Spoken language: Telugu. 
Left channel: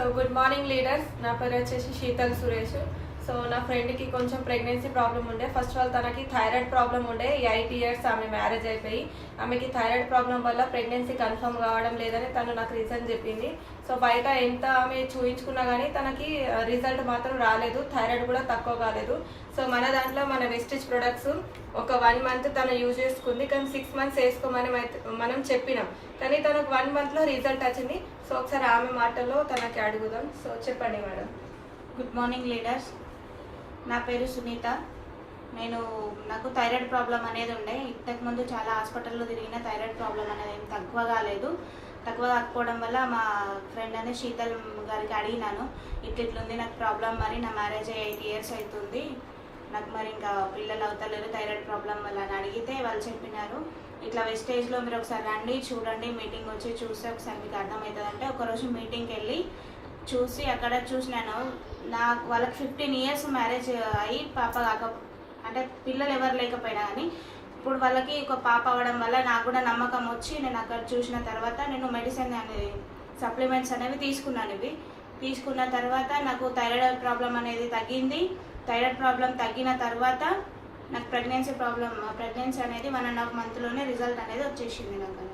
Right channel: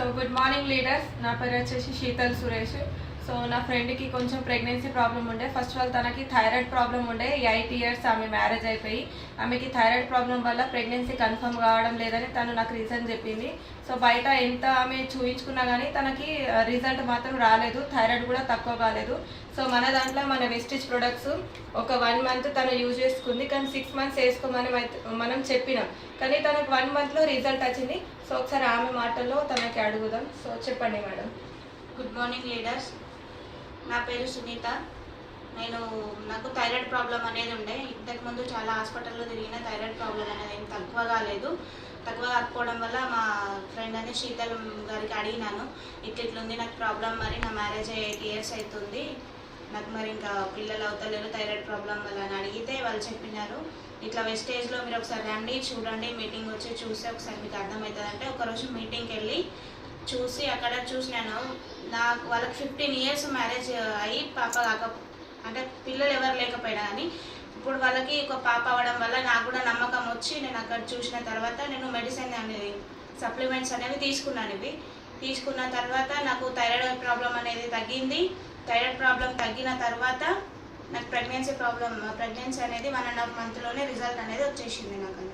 So good morning leaders. నా పేరు వచ్చేసి శీతల్ సురేష్. సో నా ఫ్రెండ్కి కొంచెం ప్రెగ్నెన్సీ ప్రాబ్లం ఉండే. ఫస్ట్ ఆఫ్ ఆల్ తనకి థైరాయిడ్ ప్రాబ్లం ఉండే. 8 years ఆమె మ్యారేజ్ అయిపోయి ఆమెకి థైరాయిడ్ ప్రాబ్లం వల్ల ప్రెగ్నెన్సీ కన్ఫర్మ్ కావడం లేదని తను నాకు రీజన్ చెప్పింది. సో బయట ఎంత ఆమె చూయించుకున్నా కానీ తనకి రిజల్ట్ మాత్రం రాలేదు, థైరాయిడ్ కూడా తక్కువ కాలేదు. సో మన దాంట్లో మన వెస్టిజ్ ప్రొడక్ట్స్ ఒక 1 month తను యూజ్ చేసుకుంది, కానీ 6 months వేసుకోమని మనం చెప్పినాం, కానీ తనకు 1 monthలో రిజల్ట్ వచ్చింది. సో ఒకసారి ఆమె మాటల్లో తనకి అడుగుదాం. సో చెప్పండి మేడం. Good morning leaders. నా పేరు సునీత. నాకు థైరాయిడ్ ప్రాబ్లం అనేది ఉండే. ఇంతకుముందు చాలా హాస్పిటల్లో తిరిగిన థైరాయిడ్ ప్రాబ్లం అనేది ఏం తక్కువ కాకపోవడం వల్ల మా ఫ్రెండ్ అని శీతల్ గారికి అడిగినాను, ఇట్లుంది నాకు ప్రాబ్లం, మరి నా మ్యారేజ్ 8 years అవుతుంది, నాకు మరి ఇంకా పిల్లలు అవుతలేరు థైరాయిడ్ ప్రాబ్లం వల్ల అని అడిగితే వాళ్ళు చెప్పినారు, ఇట్లా వెస్టేజ్లో మీరు ఒకసారి రండి, చూడండి, మీటింగ్ వచ్చి చూస్తే ఒకసారి మీకు అర్థమవుతుంది అంటే ఒకరోజు మీటింగ్కి వెళ్ళి చూసి అక్కడ చూసినాను. వాళ్ళకి 15 years మ్యారేజ్ అయ్యి పాప అంటే పిల్లలు ఎవరు లేకపోయినా కానీ ఇప్పుడు వాళ్ళకి ఒక పాప అవ్వడం వల్ల నాకు కూడా నమ్మకం వచ్చి నేను అక్కడ చూసిన తర్వాత నేను మెడిసిన్ అనేది సప్లిమెంట్స్ అనేవి తీసుకున్న తర్వాత నాకు థైరాయిడ్ ప్రాబ్లం అనేది తగ్గింది. థైరాయిడ్ ప్రాబ్లం తగ్గిన తర్వాత నాకు ప్రెగ్నెన్సీ అనేది 1.5 monthలోనే రిజల్ట్ అనేది వచ్చేసింది నాకు.